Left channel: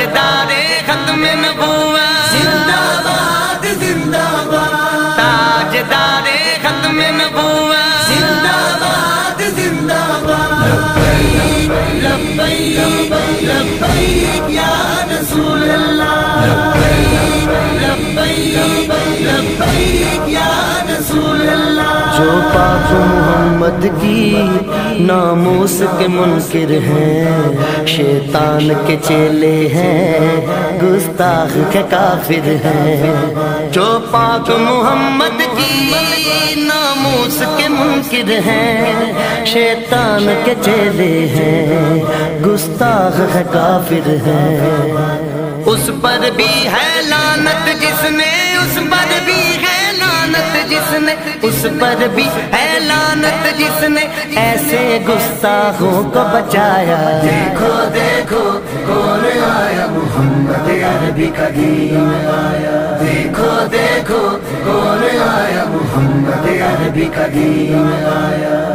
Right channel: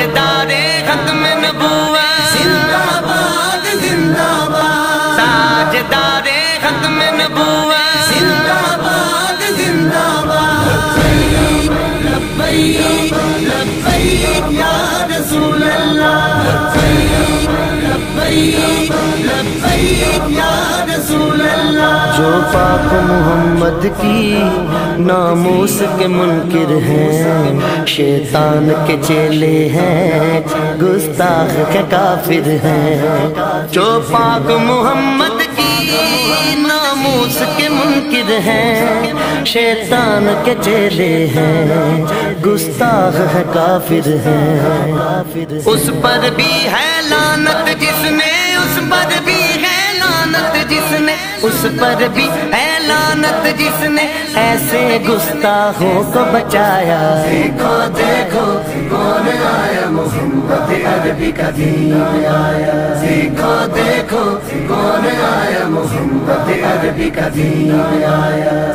تاجدار ختم نبوت، زندہ باد زندہ باد، تاجدار ختم نبوت، زندہ باد زندہ باد، لبیک لبیک یا رسول اللہ، لبیک لبیک یا رسول اللہ۔ جو پاک محمد کی ناموس کے منکر ہیں، شیطان کے چیلے ہیں، گستاخ کے کافر ہیں۔ جو پاک محمد کی ناموس کے منکر ہیں، شیطان کے چیلے ہیں، گستاخ ہے کافر ہیں۔ اس پر بھی ہے لعنت جس نے، اس پر بھی ہے لعنت جس نے، اس پر بھی ہے لعنت جس نے ایسے گستاخوں کو بچایا۔ دیکھو دیکھو کون آیا، محمد عربی کا دین آیا، دیکھو دیکھو کون آیا، محمد عربی کا دین آیا۔